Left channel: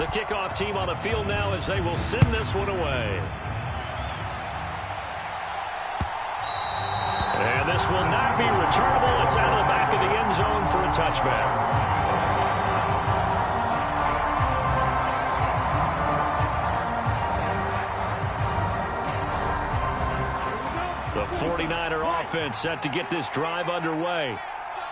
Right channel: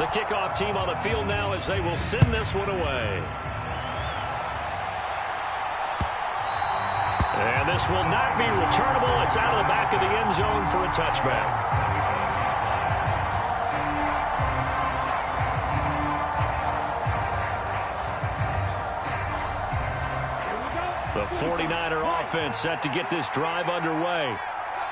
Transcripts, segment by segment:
The kickoff team on the field now as they will send this one away. And this will not be returnable. It's out of the back of the end zone for a touchback. The 49er offense set to get this drive underway.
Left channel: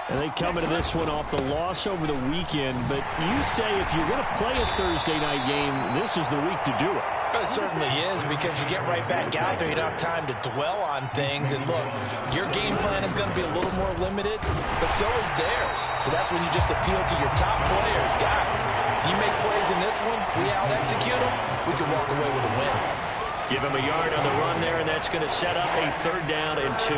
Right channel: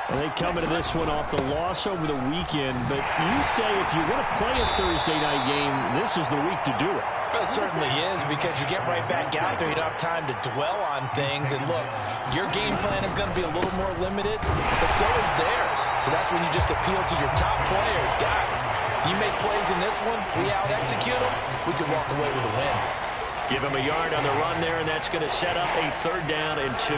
And they come into this one off the loss over the weekend. But you say if you're going to play a Thursday night game, this is the week to do it. Well, it certainly is, because you get right back out there. You don't have time to dwell on things. And look, your game plan is going to be a little more limited, but so is theirs. So that's when you just appeal to your top players. Guys, you make plays in this one, we out-execute them, we can walk away with a win. Give him a yard on the run there, and that's going to set up a 3rd down and 2.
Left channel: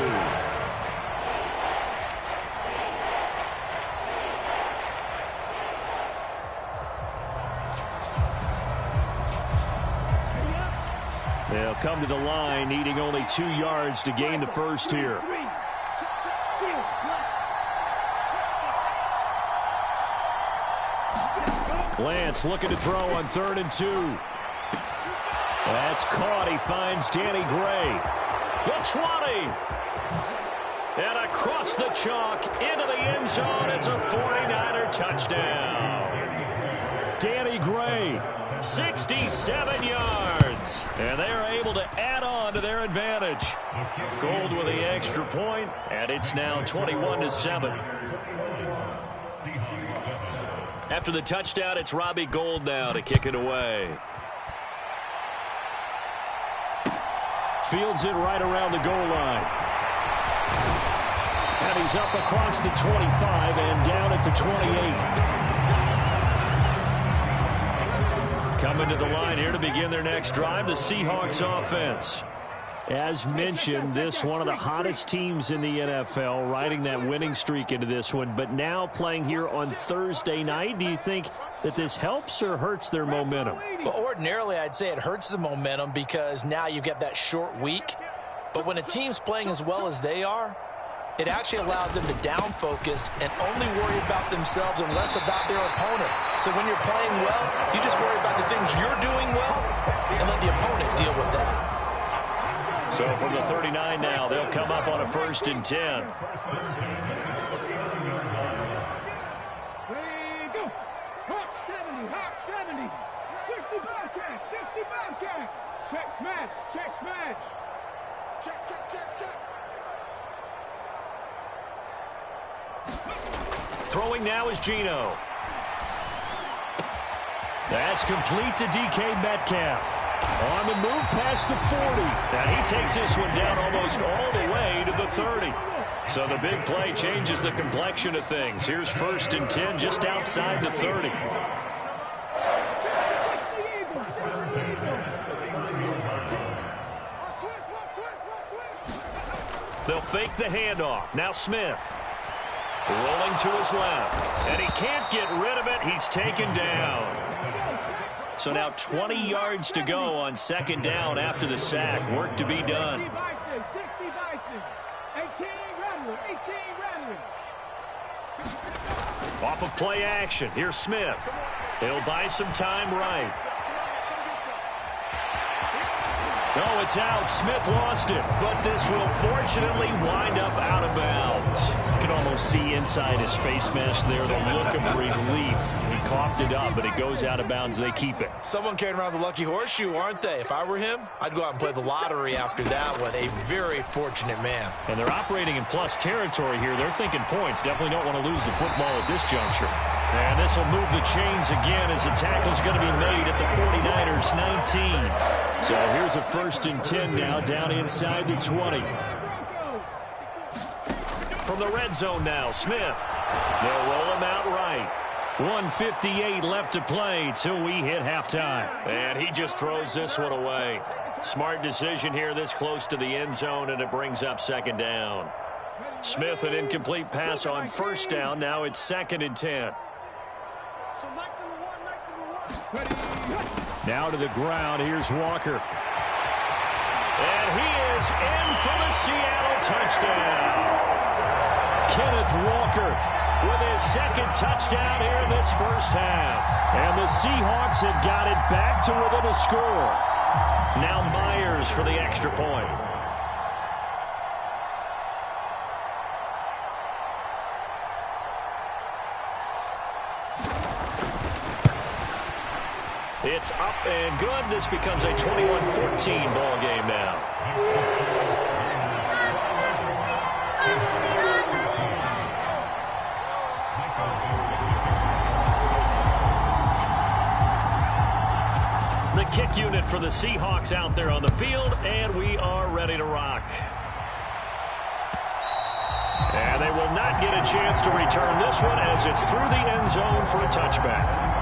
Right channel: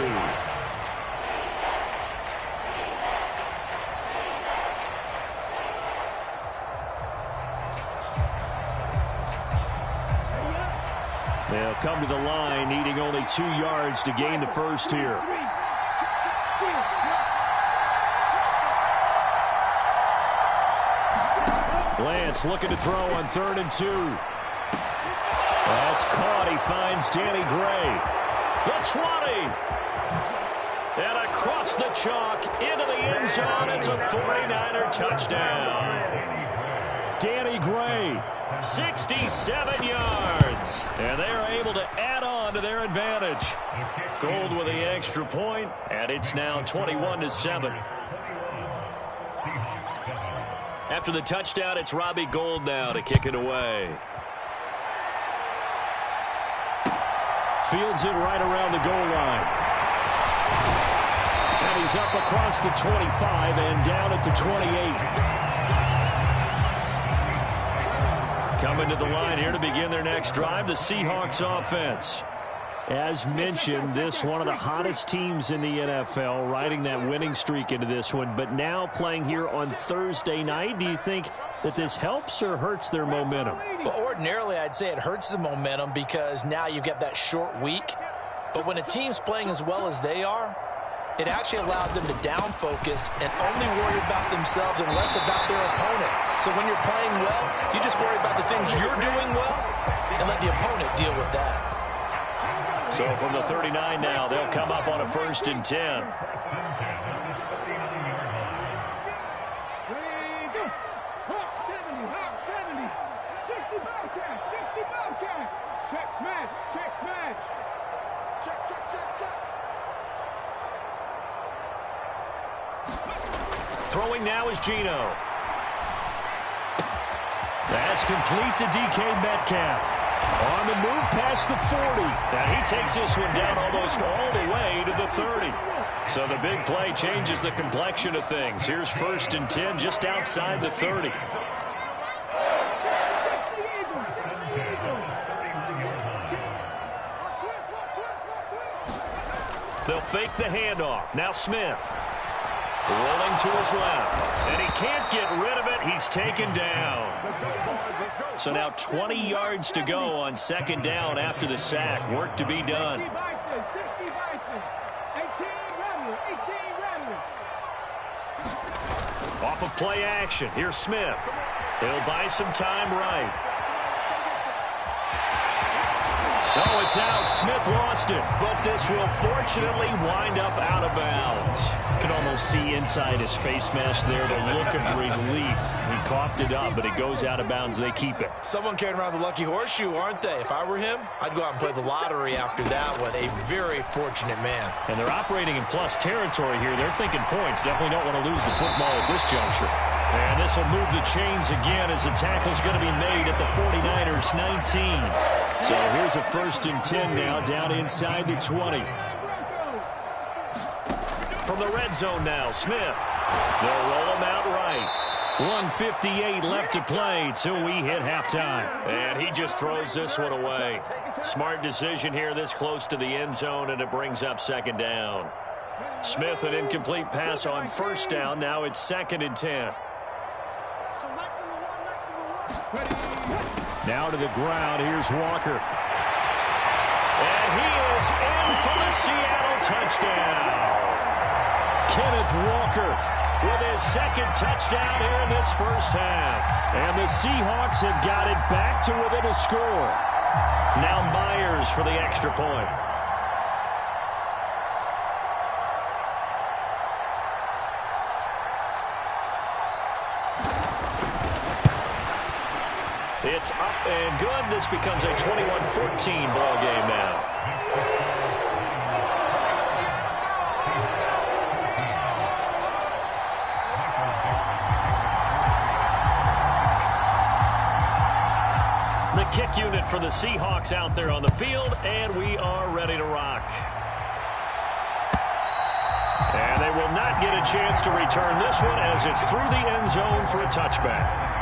They'll come to the line, needing only 2 yards to gain the first here. Lance looking to throw on 3rd and 2. That's caught. He finds Danny Gray. The 20. And across the chalk into the end zone. It's a 49er touchdown. Danny Gray, 67 yards. And they are able to add on to their advantage. Gold with the extra point, and it's now 21-7. After the touchdown, it's Robbie Gould now to kick it away. Fields it right around the goal line. And he's up across the 25 and down at the 28. Coming to the line here to begin their next drive, the Seahawks offense. As mentioned, this one of the hottest teams in the NFL, riding that winning streak into this one, but now playing here on Thursday night. Do you think that this helps or hurts their momentum? Well, ordinarily, I'd say it hurts the momentum because now you've got that short week. But when a team's playing as well as they are, it actually allows them to down focus and only worry about themselves and less about their opponent. So when you're playing well, you just worry about the things you're doing well and let the opponent deal with that. So from the 39 now, they'll come up on a 1st and 10. Check smash, check smash. Check, check, check, check. Throwing now is Geno. That's complete to DK Metcalf. On the move past the 40. And he takes this one down almost all the way to the 30. So the big play changes the complexion of things. Here's 1st and 10 just outside the 30. They'll fake the handoff. Now Smith. Rolling to his left. And he can't get rid of it. He's taken down. So now 20 yards to go on 2nd down after the sack. Work to be done. Off of play action. Here's Smith. He'll buy some time right. Oh, it's out. Smith lost it, but this will fortunately wind up out of bounds. You can almost see inside his face mask there the look of relief. He coughed it up, but it goes out of bounds. They keep it. Someone carrying around the lucky horseshoe, aren't they? If I were him, I'd go out and play the lottery after that one. A very fortunate man. And they're operating in plus territory here. They're thinking points. Definitely don't want to lose the football at this juncture. And this will move the chains again as the tackle's going to be made at the 49ers 19. So here's a 1st and 10 now down inside the 20. From the red zone now, Smith. They'll roll him out right. 1:58 left to play till we hit halftime. And he just throws this one away. Smart decision here this close to the end zone, and it brings up 2nd down. Smith, an incomplete pass on 1st down. Now it's 2nd and 10. Now to the ground. Here's Walker. And he is in for the Seattle touchdown. Kenneth Walker with his second touchdown here in this first half. And the Seahawks have got it back to within a score. Now Myers for the extra point. It's up and good. This becomes a 21-14 ball game now. The kick unit for the Seahawks out there on the field, and we are ready to rock. And they will not get a chance to return this one as it's through the end zone for a touchback.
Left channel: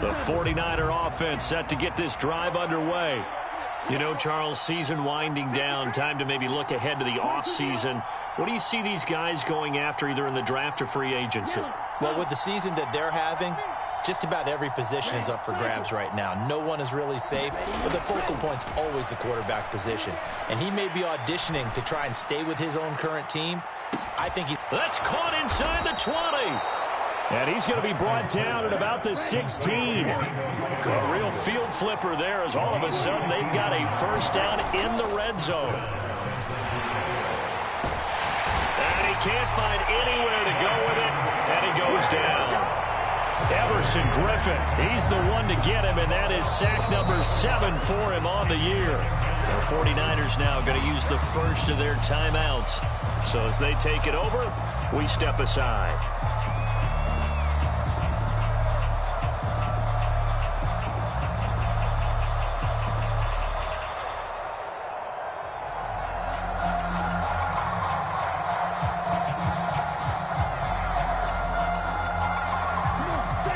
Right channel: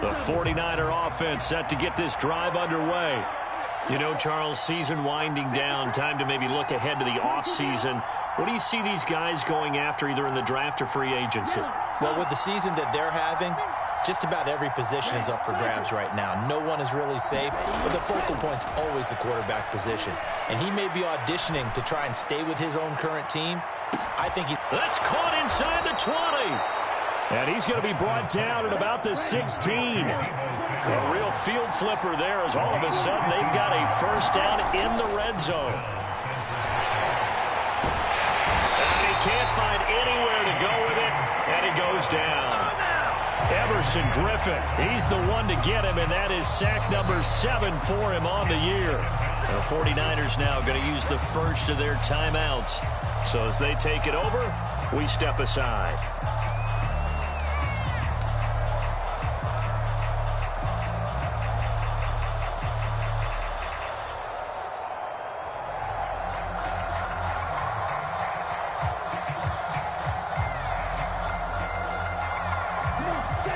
The 49er offense set to get this drive underway. You know, Charles, season winding down, time to maybe look ahead to the offseason. What do you see these guys going after either in the draft or free agency? Well, with the season that they're having, just about every position is up for grabs right now. No one is really safe, but the focal point's always the quarterback position. And he may be auditioning to try and stay with his own current team. I think he's... That's caught inside the 20. And he's going to be brought down at about the 16. A real field flipper there as all of a sudden they've got a first down in the red zone. And he can't find anywhere to go with it, and he goes down. Everson Griffin, he's the one to get him, and that is sack number 7 for him on the year. The 49ers now going to use the first of their timeouts. So as they take it over, we step aside.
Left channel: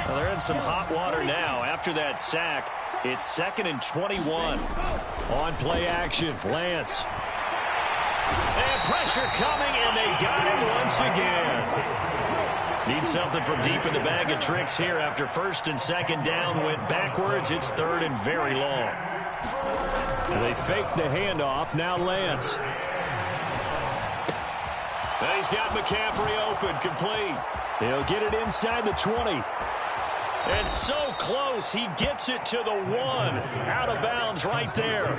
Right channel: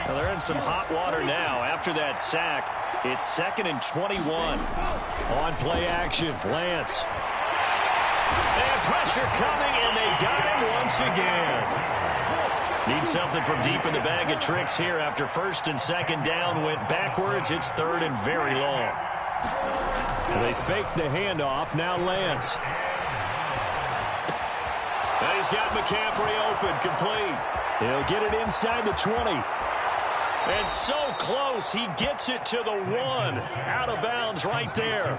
Well, they're in some hot water now. After that sack, it's 2nd and 21. On play action, Lance. And pressure coming, and they got him once again. Need something from deep in the bag of tricks here after 1st and 2nd down. Went backwards. It's 3rd and very long. And they faked the handoff. Now Lance. And he's got McCaffrey open, complete. He'll get it inside the 20. And so close, he gets it to the 1. Out of bounds right there.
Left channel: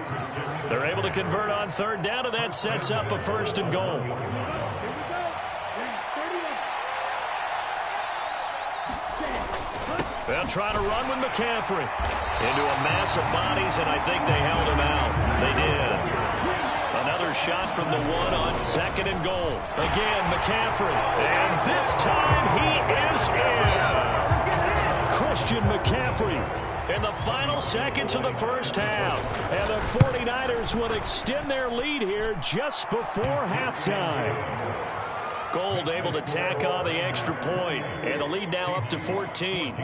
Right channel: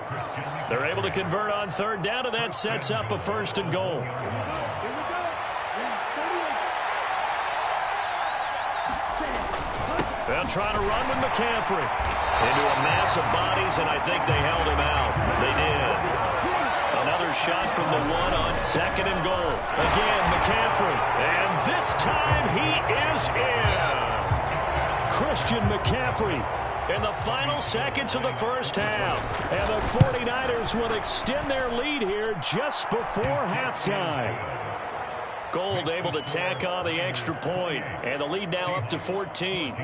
They're able to convert on 3rd down, and that sets up a 1st and goal. They'll try to run with McCaffrey. Into a mass of bodies, and I think they held him out. They did. Another shot from the 1 on 2nd and goal. Again, McCaffrey. And this time he is in. Christian McCaffrey in the final seconds of the first half. And the 49ers will extend their lead here just before halftime. Gold able to tack on the extra point. And the lead now up to 14.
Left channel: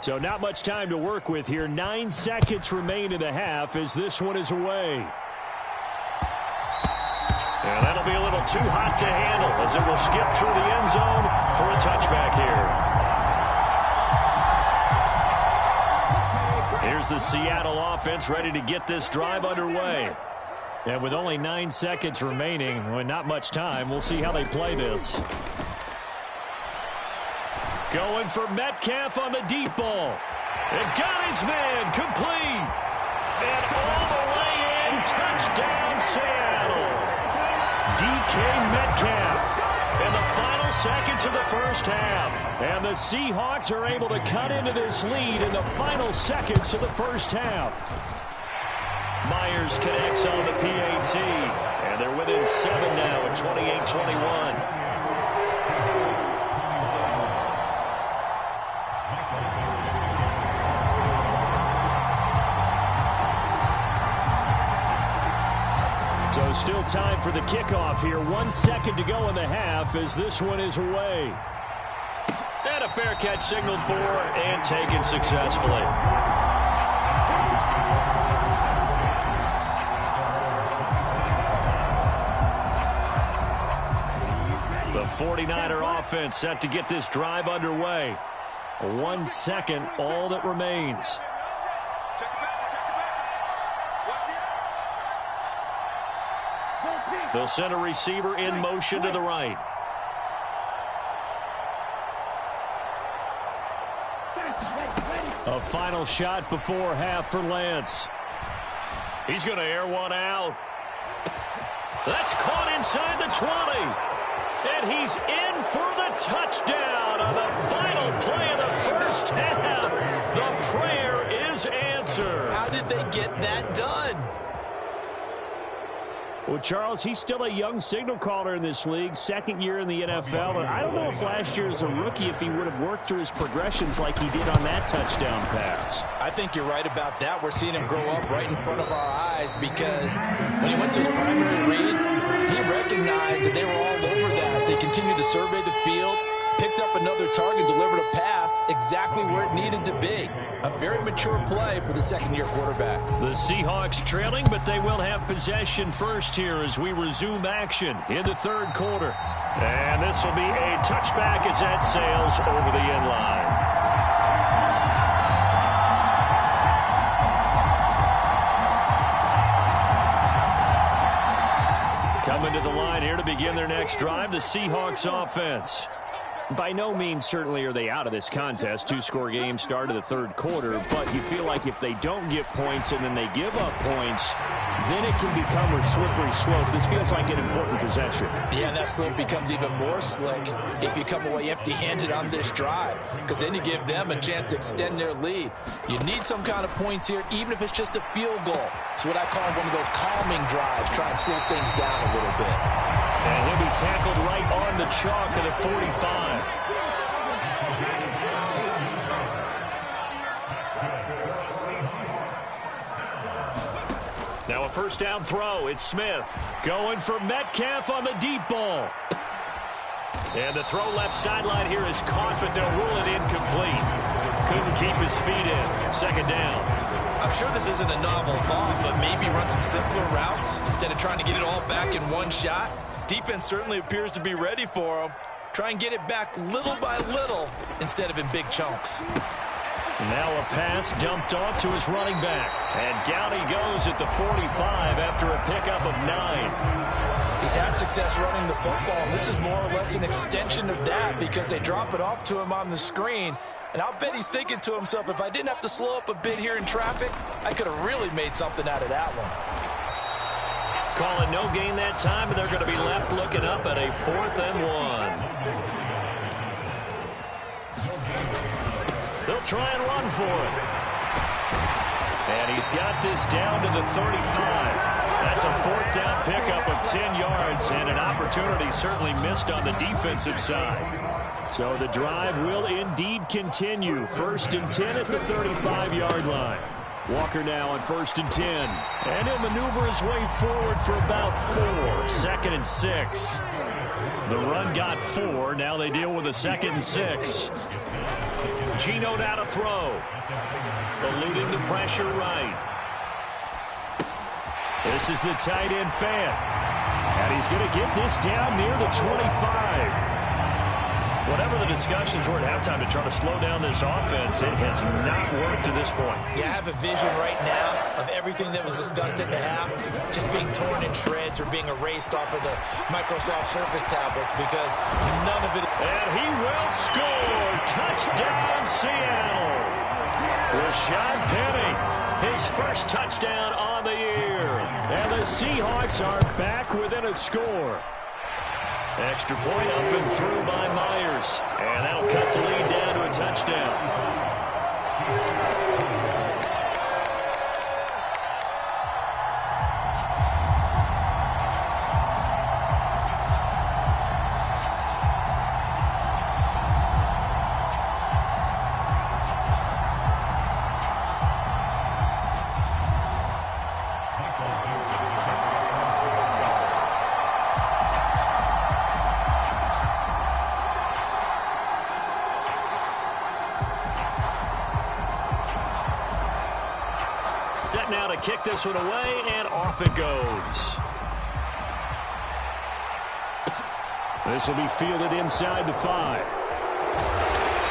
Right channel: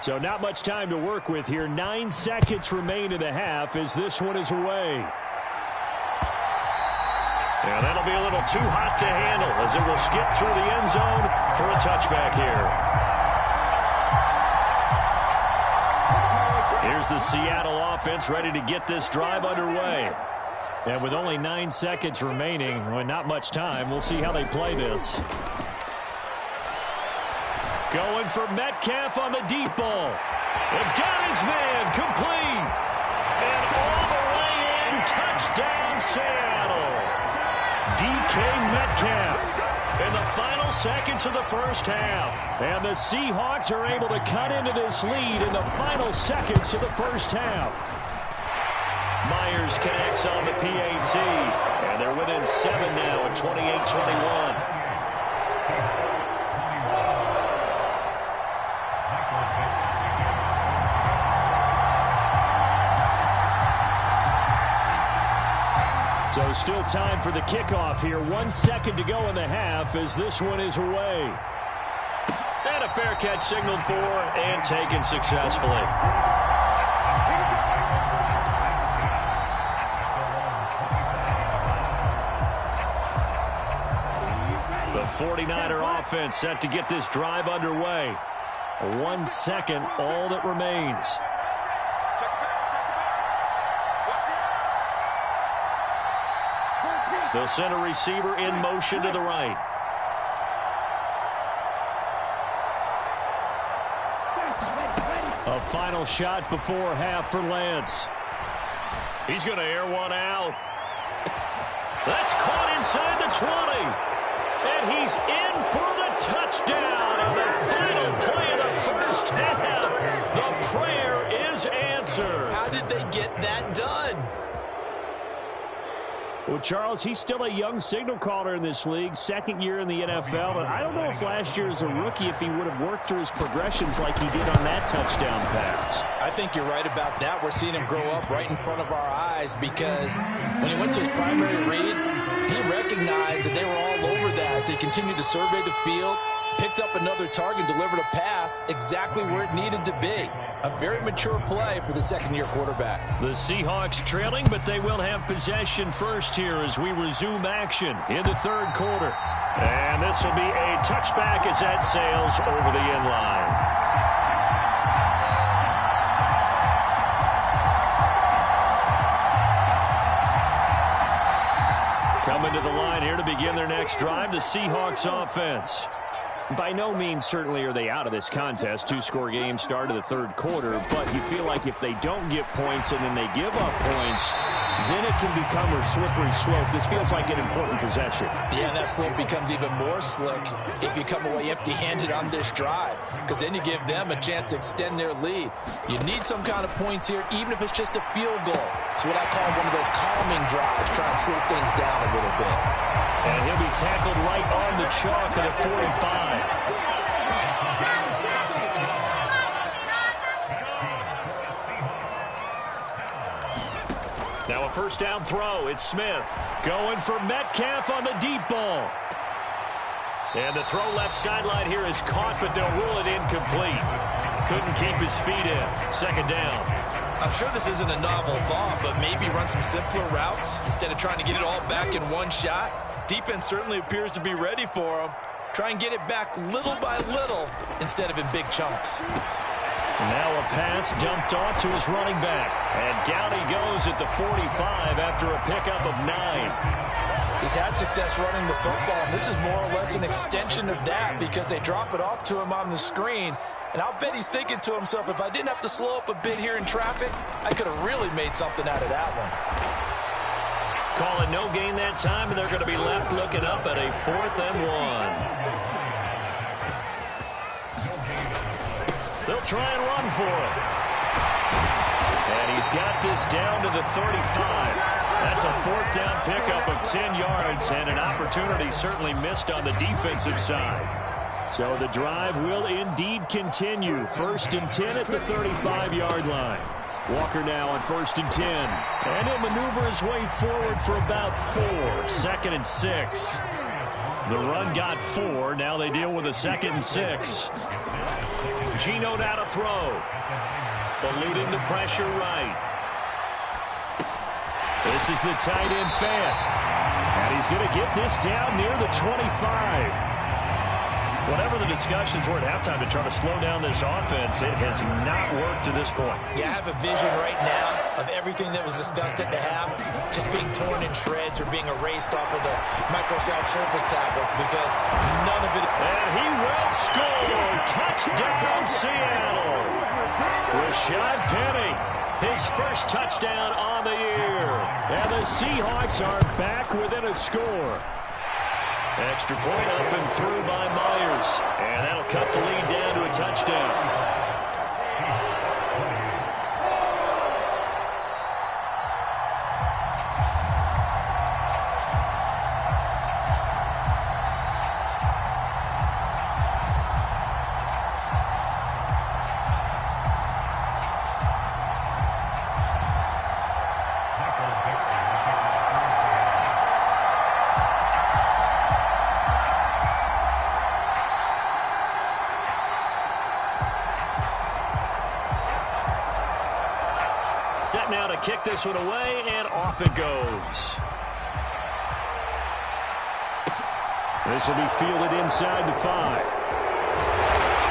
So not much time to work with here. 9 seconds remain in the half as this one is away. And that'll be a little too hot to handle as it will skip through the end zone for a touchback here. Here's the Seattle offense ready to get this drive underway. And with only 9 seconds remaining, with not much time, we'll see how they play this. Going for Metcalf on the deep ball. And got his man complete. And all the way in, touchdown Seattle. DK Metcalf in the final seconds of the first half. And the Seahawks are able to cut into this lead in the final seconds of the first half. Myers connects on the PAT. And they're within 7 now at 28-21. So still time for the kickoff here. 1 second to go in the half as this one is away. And a fair catch signaled for and taken successfully. The 49er offense set to get this drive underway. 1 second, all that remains. They'll send a receiver in motion to the right. A final shot before half for Lance. He's going to air one out. That's caught inside the 20. And he's in for the touchdown on the final play of the first half. The prayer is answered. How did they get that done? Well, Charles, he's still a young signal caller in this league, second year in the NFL. And I don't know if last year as a rookie, if he would have worked through his progressions like he did on that touchdown pass. I think you're right about that. We're seeing him grow up right in front of our eyes because when he went to his primary read, he recognized that they were all over that. So he continued to survey the field, picked up another target, delivered a pass exactly where it needed to be. A very mature play for the second-year quarterback. The Seahawks trailing, but they will have possession first here as we resume action in the third quarter. And this will be a touchback as that sails over the end line. Coming to the line here to begin their next drive, the Seahawks offense. By no means certainly are they out of this contest. Two-score game start of the third quarter, but you feel like if they don't get points and then they give up points, then it can become a slippery slope. This feels like an important possession. Yeah, and that slope becomes even more slick if you come away empty-handed on this drive, because then you give them a chance to extend their lead. You need some kind of points here, even if it's just a field goal. It's what I call one of those calming drives, try and slow things down a little bit. And he'll be tackled right on the chalk at the 45. Now a first down throw. It's Smith going for Metcalf on the deep ball. And the throw left sideline here is caught, but they'll rule it incomplete. Couldn't keep his feet in. Second down. I'm sure this isn't a novel thought, but maybe run some simpler routes instead of trying to get it all back in one shot. Defense certainly appears to be ready for him. Try and get it back little by little instead of in big chunks. Now a pass dumped off to his running back. And down he goes at the 45 after a pickup of 9. He's had success running the football, and this is more or less an extension of that because they drop it off to him on the screen. And I'll bet he's thinking to himself, if I didn't have to slow up a bit here in traffic, I could have really made something out of that one. Calling no gain that time, and they're going to be left looking up at a 4th and 1. They'll try and run for it. And he's got this down to the 35. That's a 4th down pickup of 10 yards, and an opportunity certainly missed on the defensive side. So the drive will indeed continue. 1st and 10 at the 35-yard line. Walker now on 1st and 10. And he'll maneuver his way forward for about 4. 2nd and 6. The run got 4. Now they deal with a 2nd and 6. Geno now to throw. Eluding the pressure right. This is the tight end Fant. And he's going to get this down near the 25. Whatever the discussions were at halftime to try to slow down this offense, it has not worked to this point. Yeah, I have a vision right now of everything that was discussed at the half just being torn in shreds or being erased off of the Microsoft Surface tablets because none of it. And he will score. Touchdown, Seattle. Rashad Penny, his first touchdown on the year. And the Seahawks are back within a score. Extra point up and through by Myers. And that'll cut the lead down to a touchdown. Set now to kick this one away, and off it goes. This will be fielded inside the 5.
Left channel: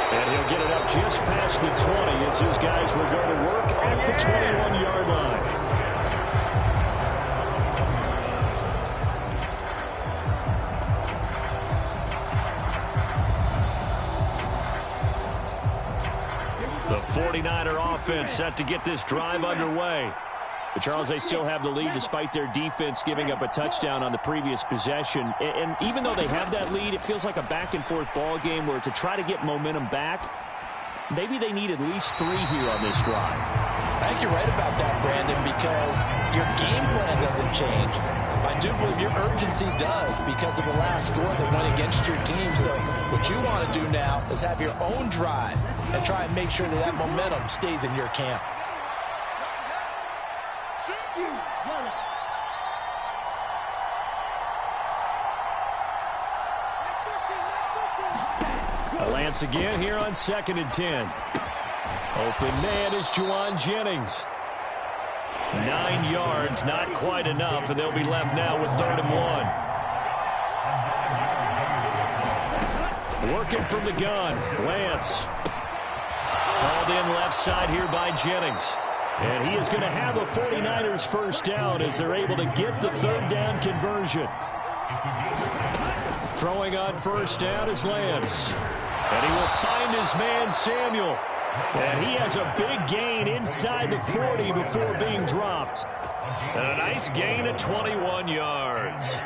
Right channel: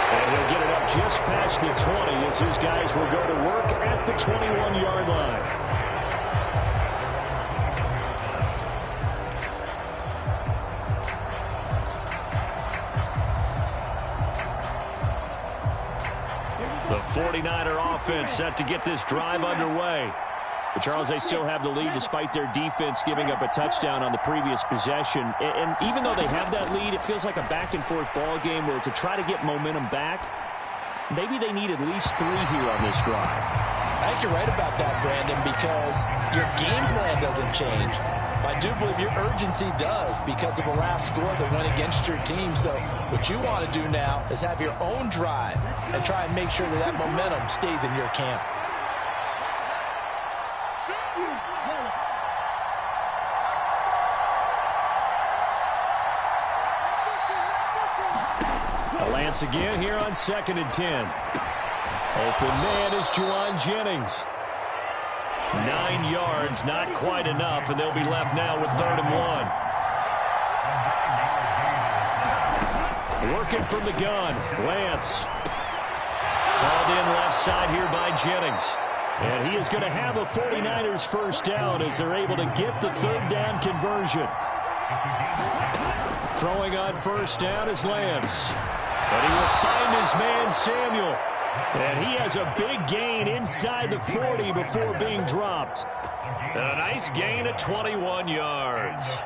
And he'll get it up just past the 20 as his guys will go to work at the 21-yard line. The 49er offense set to get this drive underway. But, Charles, they still have the lead despite their defense giving up a touchdown on the previous possession. And even though they have that lead, it feels like a back-and-forth ball game where to try to get momentum back, maybe they need at least 3 here on this drive. I think you're right about that, Brandon, because your game plan doesn't change. I do believe your urgency does because of the last score that went against your team. So what you want to do now is have your own drive and try and make sure that that momentum stays in your camp. Lance again here on 2nd and 10. Open man is Juwan Jennings. 9 yards, not quite enough, and they'll be left now with 3rd and 1. Working from the gun, Lance. Called in left side here by Jennings. And he is going to have a 49ers first down as they're able to get the 3rd down conversion. Throwing on first down is Lance. And he will find his man Samuel. And he has a big gain inside the 40 before being dropped. And a nice gain of 21 yards.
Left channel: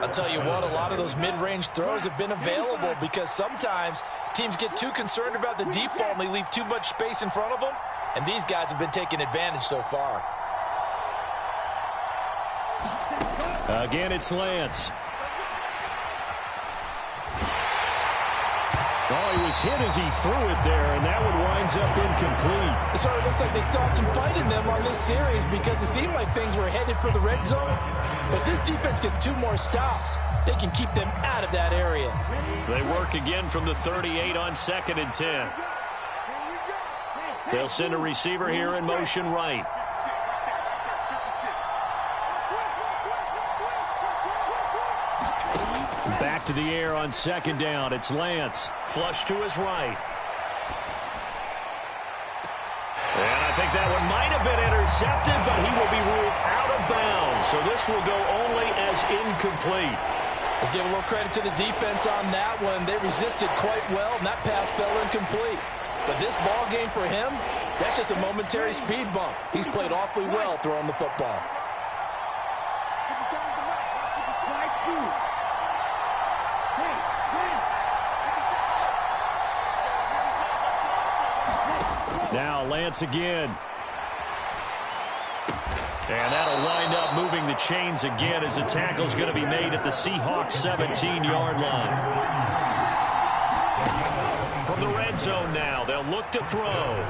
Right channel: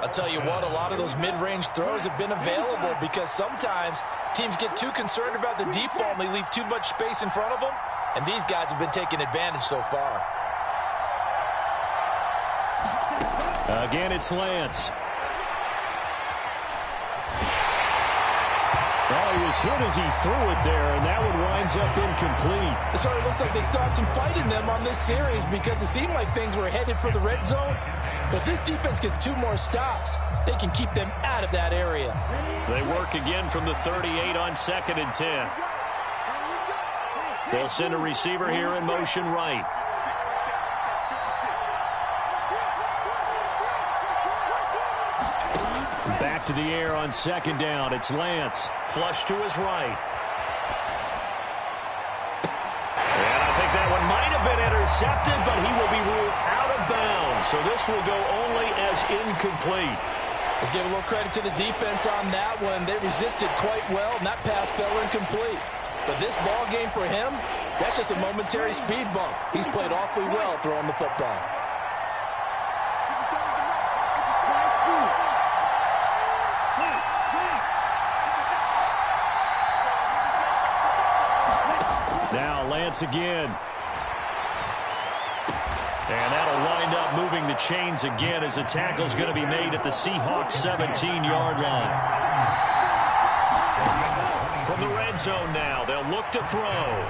I'll tell you what, a lot of those mid-range throws have been available because sometimes teams get too concerned about the deep ball and they leave too much space in front of them. And these guys have been taking advantage so far. Again, it's Lance. Oh, he was hit as he threw it there, and that one winds up incomplete. It sort of looks like they still have some fight in them on this series because it seemed like things were headed for the red zone. But this defense gets 2 more stops. They can keep them out of that area. They work again from the 38 on 2nd and 10. They'll send a receiver here in motion right. Back to the air on 2nd down. It's Lance. Flush to his right. And I think that one might have been intercepted, but he will be ruled out of bounds. So this will go only as incomplete. Let's give a little credit to the defense on that one. They resisted quite well, and that pass fell incomplete. But this ball game for him, that's just a momentary speed bump. He's played awfully well throwing the football. Now Lance again. And that'll wind up moving the chains again as the tackle's going to be made at the Seahawks 17-yard line. From the red zone now, they'll look to throw.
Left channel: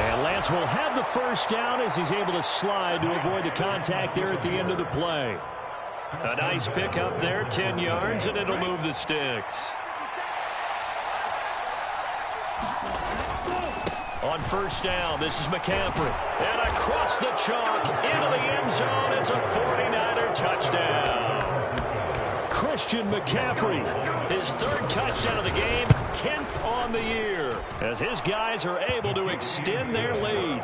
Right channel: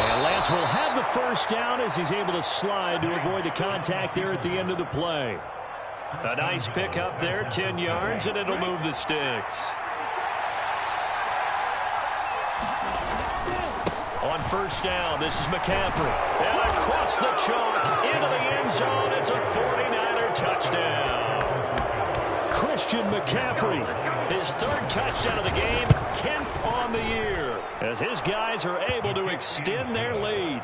And Lance will have the first down as he's able to slide to avoid the contact there at the end of the play. A nice pick up there, 10 yards, and it'll move the sticks. On first down, this is McCaffrey. And across the chalk, into the end zone, it's a 49er touchdown. Christian McCaffrey, his 3rd touchdown of the game, 10th on the year, as his guys are able to extend their lead.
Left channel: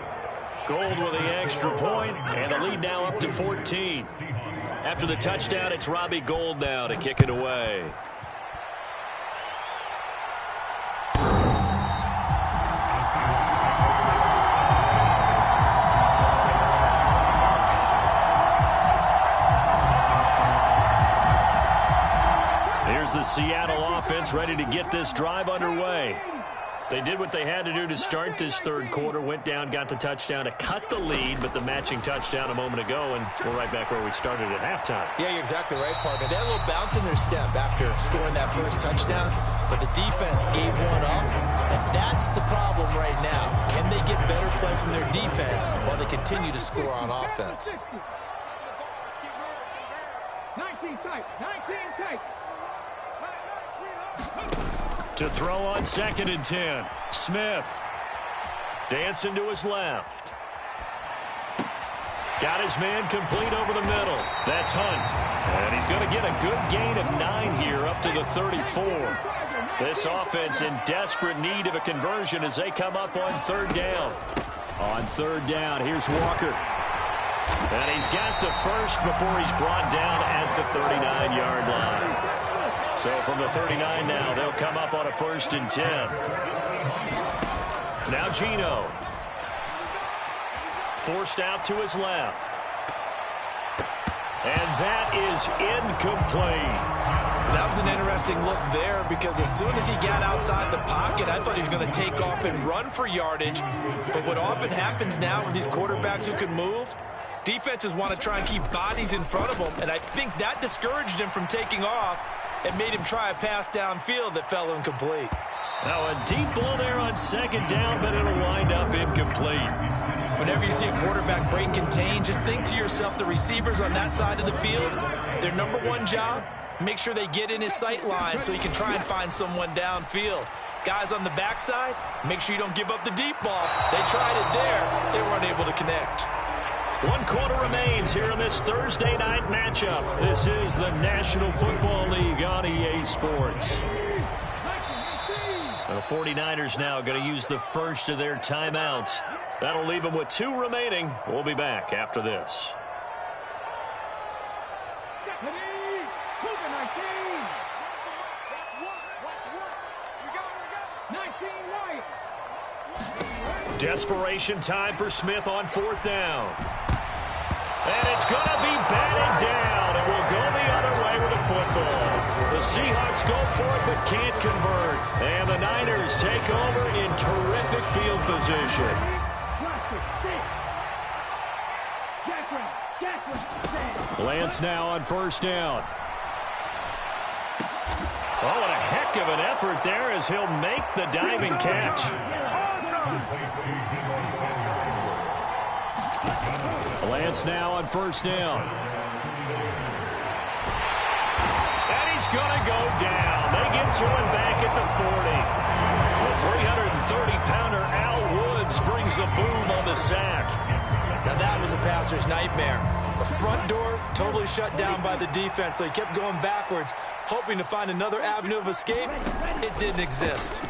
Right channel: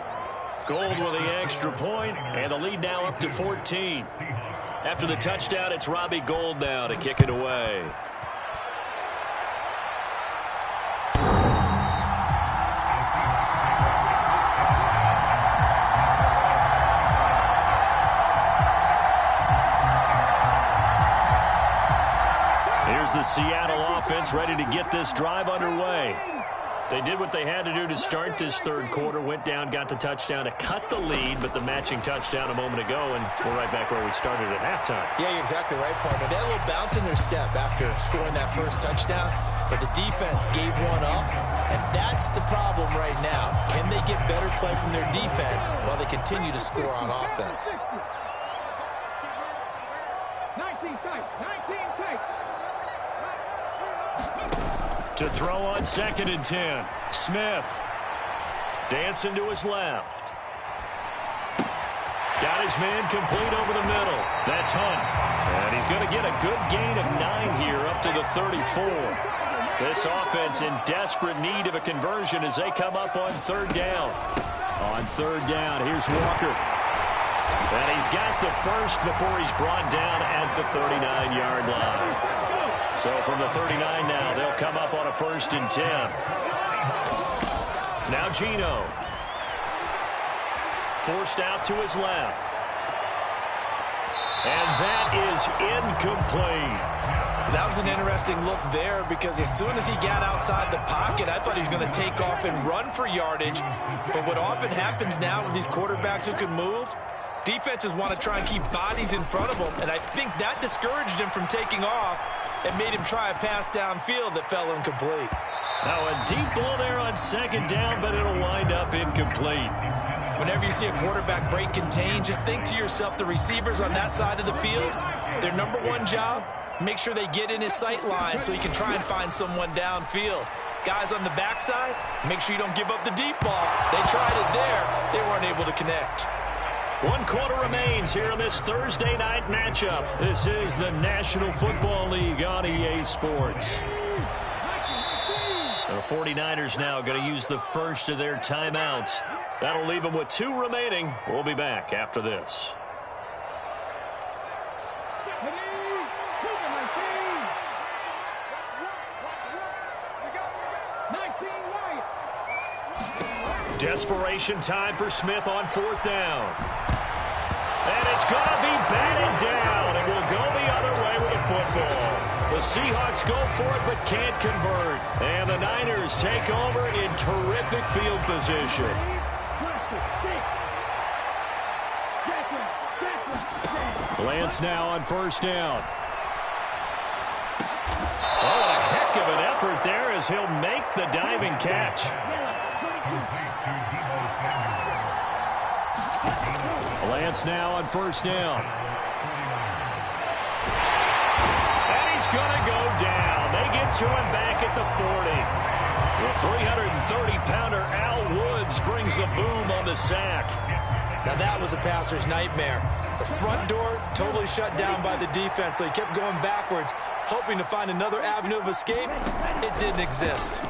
Gold with the extra point, and the lead now up to 14. After the touchdown, it's Robbie Gould now to kick it away. Here's the Seattle offense ready to get this drive underway. They did what they had to do to start this 3rd quarter, went down, got the touchdown to cut the lead, but the matching touchdown a moment ago, and we're right back where we started at halftime. Yeah, you're exactly right, partner. They had a little bounce in their step after scoring that first touchdown, but the defense gave one up, and that's the problem right now. Can they get better play from their defense while they continue to score on offense? 19 tight, 19 tight. To throw on 2nd and 10. Smith. Dancing to his left. Got his man complete over the middle. That's Hunt. And he's going to get a good gain of 9 here up to the 34. This offense in desperate need of a conversion as they come up on 3rd down. On 3rd down, here's Walker. And he's got the first before he's brought down at the 39-yard line. So from the 39 now, they'll come up on a 1st and 10. Now Geno. Forced out to his left. And that is incomplete. That was an interesting look there because as soon as he got outside the pocket, I thought he was going to take off and run for yardage. But what often happens now with these quarterbacks who can move, defenses want to try and keep bodies in front of them, and I think that discouraged him from taking off and made him try a pass downfield that fell incomplete. Now a deep ball there on 2nd down, but it'll wind up incomplete. Whenever you see a quarterback break contain, just think to yourself, the receivers on that side of the field, their number one job, make sure they get in his sight line so he can try and find someone downfield. Guys on the backside, make sure you don't give up the deep ball. They tried it there. They weren't able to connect. 1 quarter remains here in this Thursday night matchup. This is the National Football League on EA Sports. The 49ers now going to use the first of their timeouts. That'll leave them with 2 remaining. We'll be back after this. Desperation time for Smith on 4th down. And it's going to be batted down. It will go the other way with a football. The Seahawks go for it but can't convert. And the Niners take over in terrific field position. Lance now on 1st down. Oh, what a heck of an effort there as he'll make the diving catch. Lance now on 1st down. And he's going to go down. They get to him back at the 40. The 330-pounder Al Woods brings the boom on the sack. Now that was a passer's nightmare. The front door totally shut down by the defense, so he kept going backwards, hoping to find another avenue of escape. It didn't exist.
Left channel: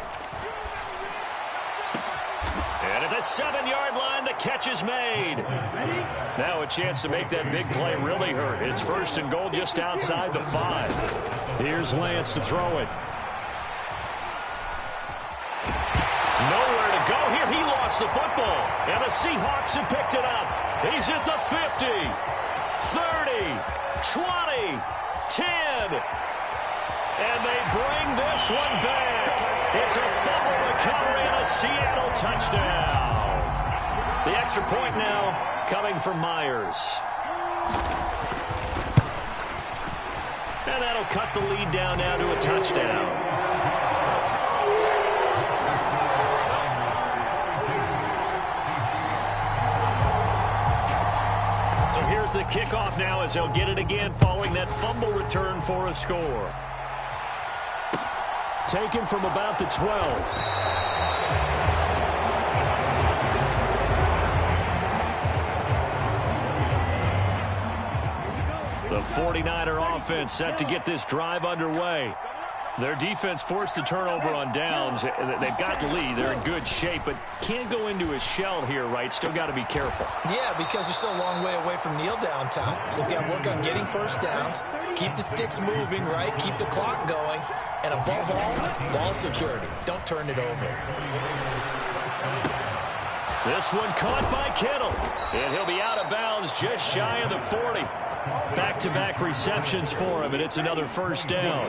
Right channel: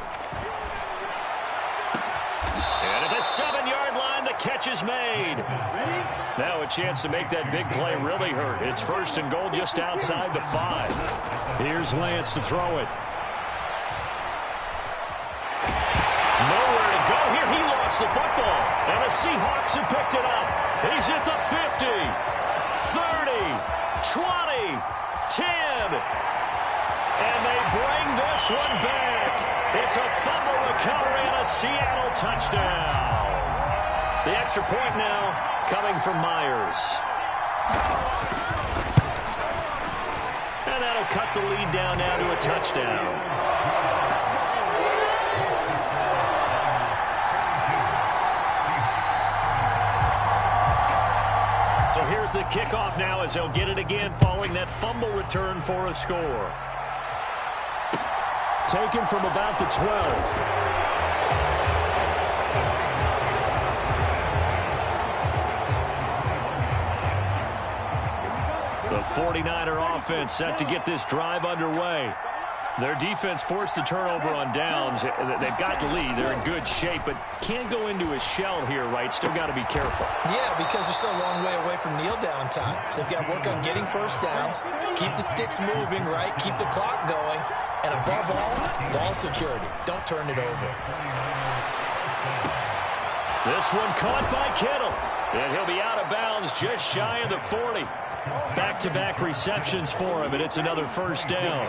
And at the 7-yard line, the catch is made. Now a chance to make that big play really hurt. It's 1st and goal just outside the 5. Here's Lance to throw it. Nowhere to go here. He lost the football. And the Seahawks have picked it up. He's at the 50, 30, 20, 10. And they bring this one back. It's a fumble recovery and a Seattle touchdown. The extra point now coming from Myers. And that'll cut the lead down now to a touchdown. So here's the kickoff now as they'll get it again following that fumble return for a score. Taken from about the 12. The 49er offense set to get this drive underway. Their defense forced the turnover on downs. They've got the lead. They're in good shape, but can't go into a shell here, right? Still got to be careful. Yeah, because they're still a long way away from kneel down time. So they've got to work on getting first downs, keep the sticks moving, right? Keep the clock going. And above all, ball security. Don't turn it over. This one caught by Kittle. And he'll be out of bounds just shy of the 40. Back-to-back receptions for him, and it's another 1st down.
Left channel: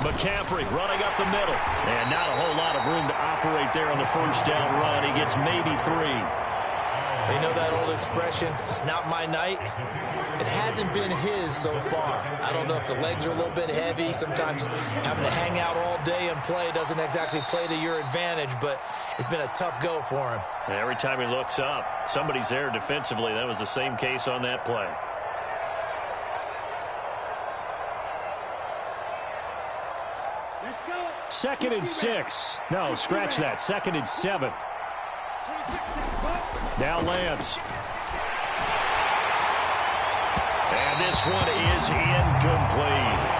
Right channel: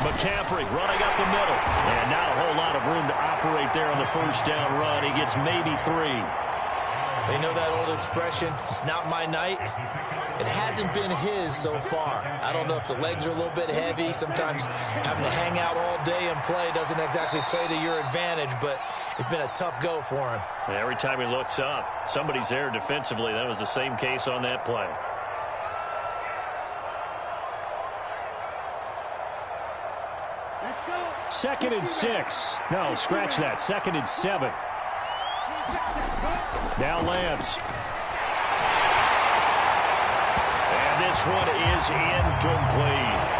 McCaffrey running up the middle. And not a whole lot of room to operate there on the 1st down run. He gets maybe 3. You know that old expression, it's not my night? It hasn't been his so far. I don't know if the legs are a little bit heavy. Sometimes having to hang out all day and play doesn't exactly play to your advantage, but it's been a tough go for him. Every time he looks up, somebody's there defensively. That was the same case on that play. 2nd and 6. No, scratch that. 2nd and 7. Now Lance. And this one is incomplete.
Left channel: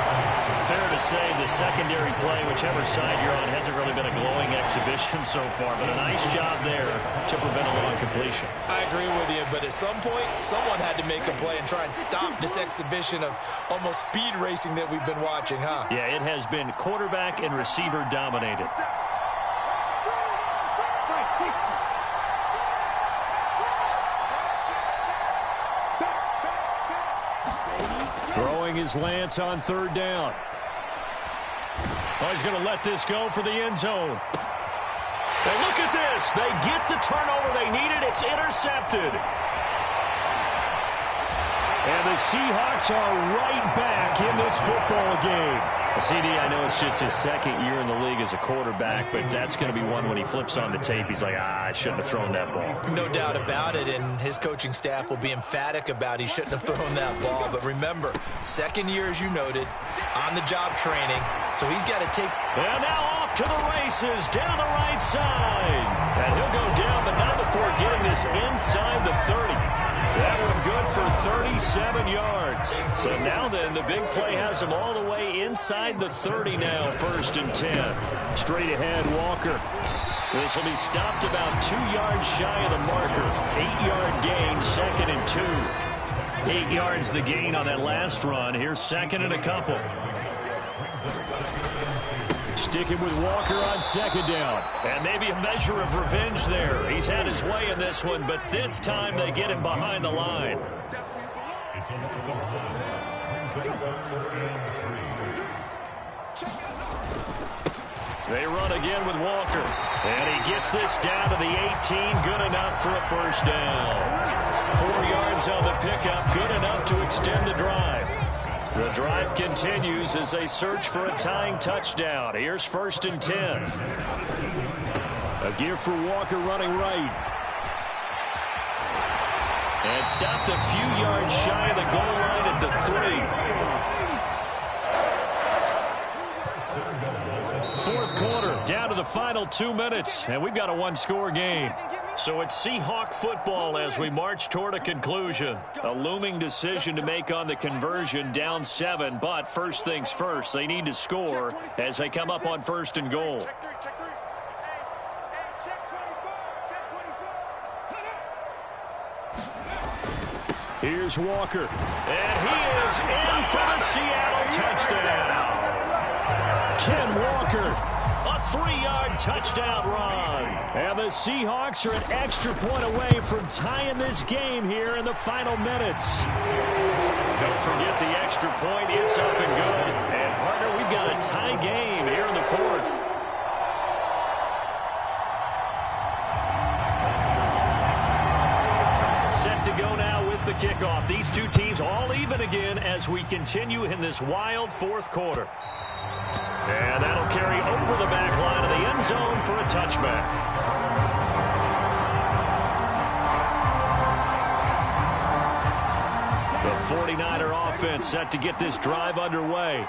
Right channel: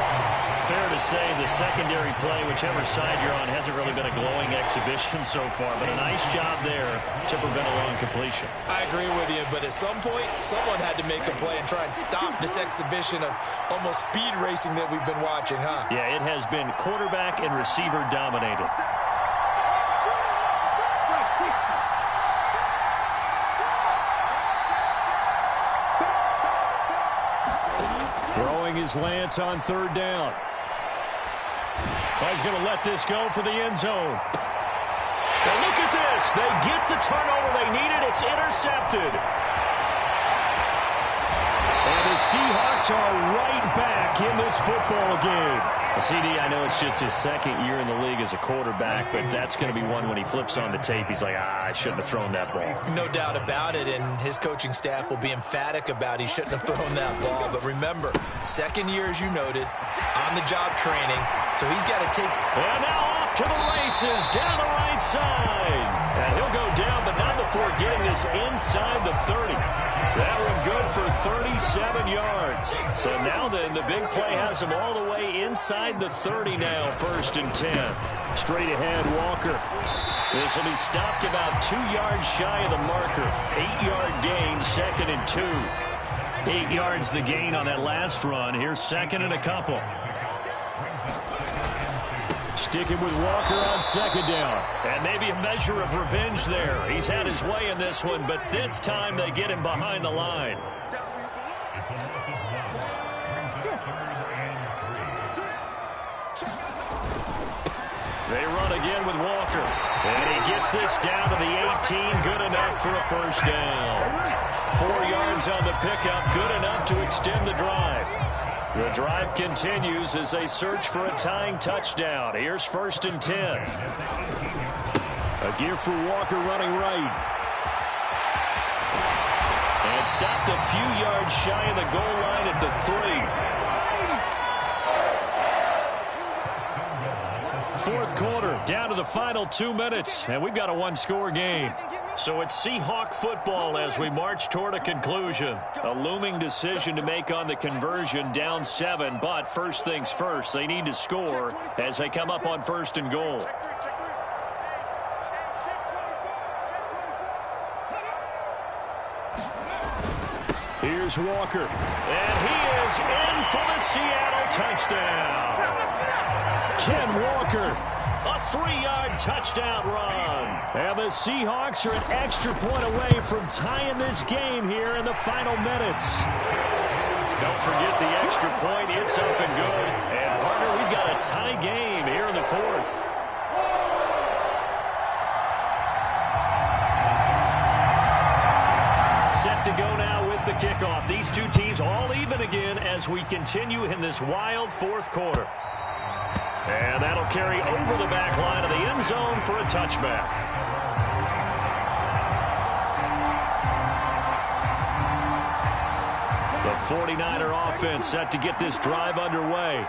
Fair to say the secondary play, whichever side you're on, hasn't really been a glowing exhibition so far, but a nice job there to prevent a long completion. I agree with you, but at some point, someone had to make a play and try and stop this exhibition of almost speed racing that we've been watching, huh? Yeah, it has been quarterback and receiver dominated. Throwing his Lance on 3rd down. Oh, he's going to let this go for the end zone. And look at this. They get the turnover they needed. It's intercepted. And the Seahawks are right back in this football game. CD, I know it's just his 2nd year in the league as a quarterback, but that's going to be one when he flips on the tape. He's like, I shouldn't have thrown that ball. No doubt about it, and his coaching staff will be emphatic about he shouldn't have thrown that ball. But remember, 2nd year, as you noted, on-the-job training, so he's got to take... And now off to the races down the right side. And he'll go down, but not before getting this inside the 30. That one good for 37 yards. So now then, the big play has him all the way inside the 30 now, 1st and 10. Straight ahead, Walker. This will be stopped about 2 yards shy of the marker. 8-yard gain, 2nd and 2. 8 yards the gain on that last run. Here's 2nd and a couple. Sticking with Walker on 2nd down. And maybe a measure of revenge there. He's had his way in this one, but this time they get him behind the line. They run again with Walker. And he gets this down to the 18. Good enough for a 1st down. 4 yards on the pickup. Good enough to extend the drive. The drive continues as they search for a tying touchdown. Here's 1st and 10. A give for Walker running right. And stopped a few yards shy of the goal line at the 3. 4th quarter, down to the final 2 minutes, and we've got a one-score game. So it's Seahawk football as we march toward a conclusion. A looming decision to make on the conversion, down 7, but first things first, they need to score as they come up on 1st and goal. Here's Walker, and he is in for the Seattle touchdown. Ken Walker, a 3-yard touchdown run. And the Seahawks are an extra point away from tying this game here in the final minutes. Don't forget the extra point. It's up and good. And, partner, we've got a tie game here in the 4th. Set to go now with the kickoff. These two teams all even again as we continue in this wild 4th quarter. And that'll carry over the back line of the end zone for a touchback. The 49er offense set to get this drive underway.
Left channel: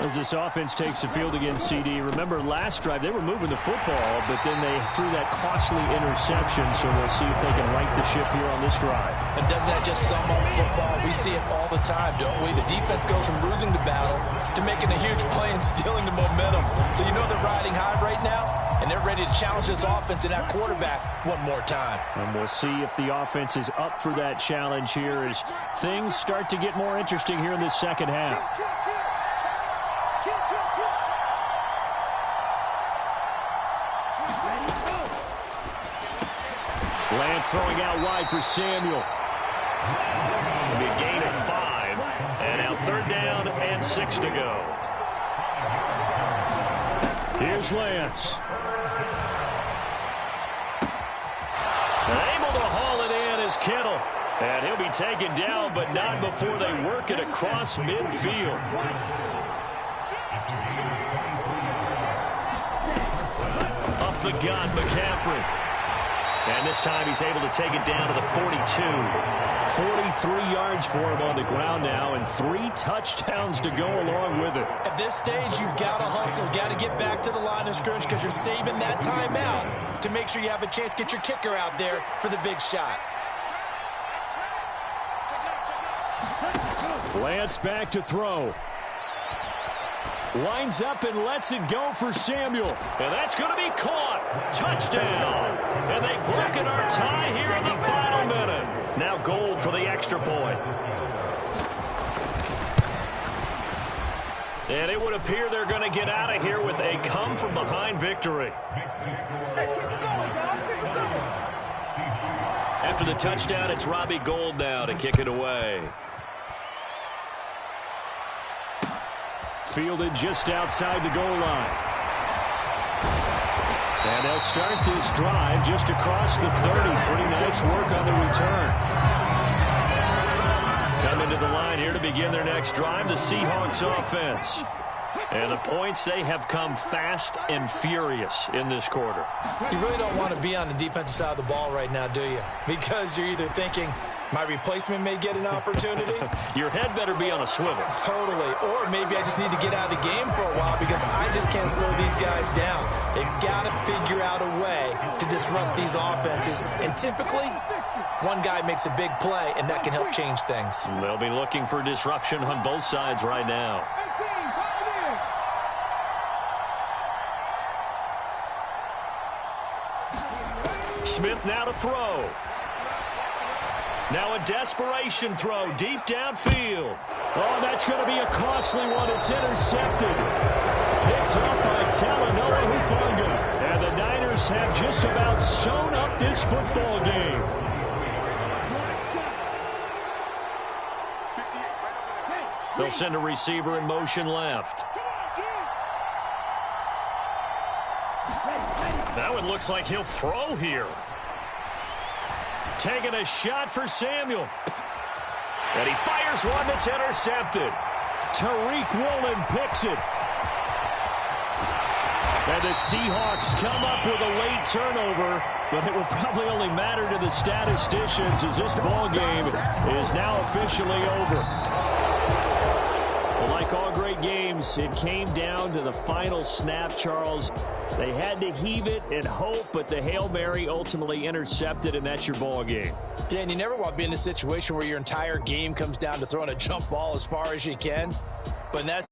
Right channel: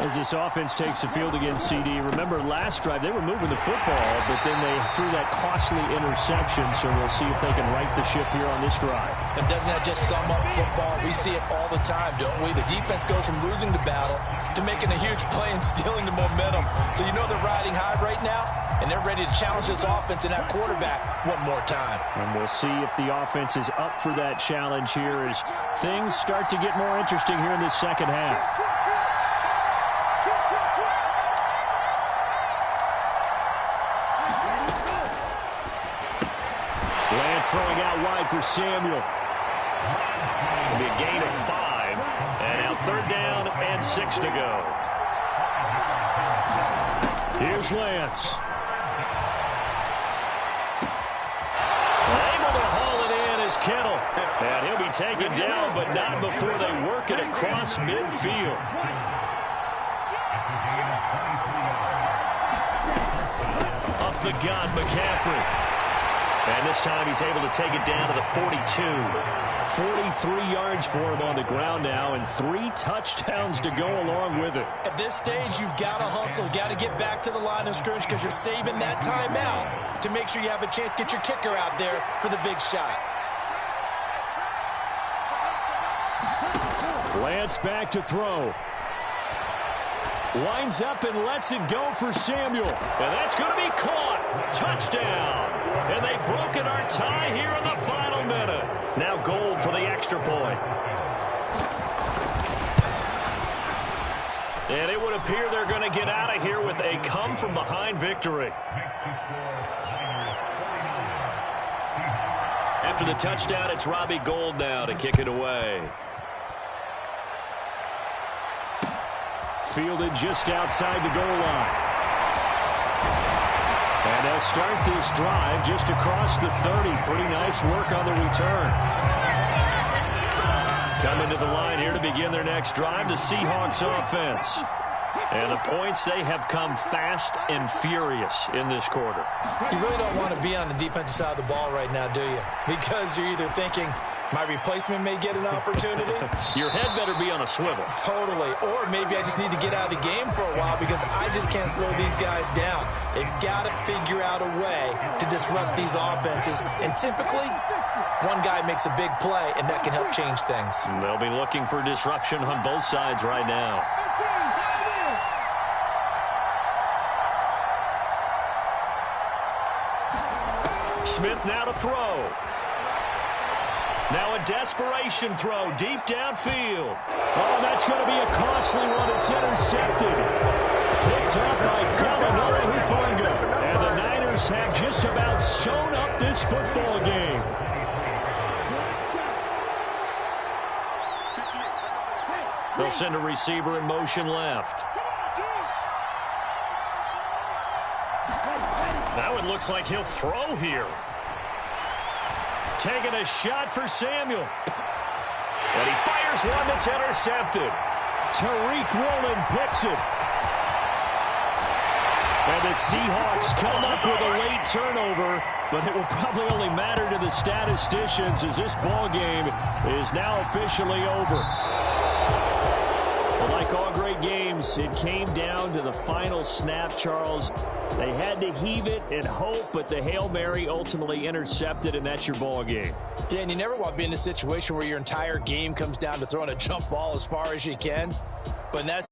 As this offense takes the field against CD, remember last drive they were moving the football, but then they threw that costly interception, so we'll see if they can right the ship here on this drive. And doesn't that just sum up football? We see it all the time, don't we? The defense goes from losing the battle to making a huge play and stealing the momentum. So you know they're riding high right now, and they're ready to challenge this offense and that quarterback one more time. And we'll see if the offense is up for that challenge here as things start to get more interesting here in this second half. Lance throwing out wide for Samuel. It'll be a gain of 5. And now 3rd down and 6 to go. Here's Lance. Able to haul it in is Kittle. And he'll be taken down, but not before they work it across midfield. Up the gut, McCaffrey. And this time he's able to take it down to the 42. 43 yards for him on the ground now, and 3 touchdowns to go along with it. At this stage, you've got to hustle. You've got to get back to the line of scrimmage because you're saving that timeout to make sure you have a chance to get your kicker out there for the big shot. Lance back to throw. Lines up and lets it go for Samuel. And that's going to be caught. Touchdown. And they've broken our tie here in the final minute. Now Gold for the extra point. And it would appear they're going to get out of here with a come-from-behind victory. After the touchdown, it's Robbie Gould now to kick it away. Fielded just outside the goal line. And they'll start this drive just across the 30. Pretty nice work on the return. Coming to the line here to begin their next drive, the Seahawks offense. And the points, they have come fast and furious in this quarter. You really don't want to be on the defensive side of the ball right now, do you? Because you're either thinking, my replacement may get an opportunity. Your head better be on a swivel. Totally. Or maybe I just need to get out of the game for a while because I just can't slow these guys down. They've got to figure out a way to disrupt these offenses. And typically, one guy makes a big play, and that can help change things. They'll be looking for disruption on both sides right now. Smith now to throw. Now a desperation throw deep downfield. Oh, that's going to be a costly one. It's intercepted. Picked up by Talanoa Hufanga. And the Niners have just about sewn up this football game. They'll send a receiver in motion left. Now it looks like he'll throw here. Taking a shot for Samuel. And he fires one that's intercepted. Tariq Woolen picks it. And the Seahawks come up with a late turnover, but it will probably only matter to the statisticians as this ball game is now officially over. Well, like all great games, it came down to the final snap, Charles. They had to heave it and hope, but the Hail Mary ultimately intercepted, and that's your ball game. Yeah, and you never want to be in a situation where your entire game comes down to throwing a jump ball as far as you can. But in that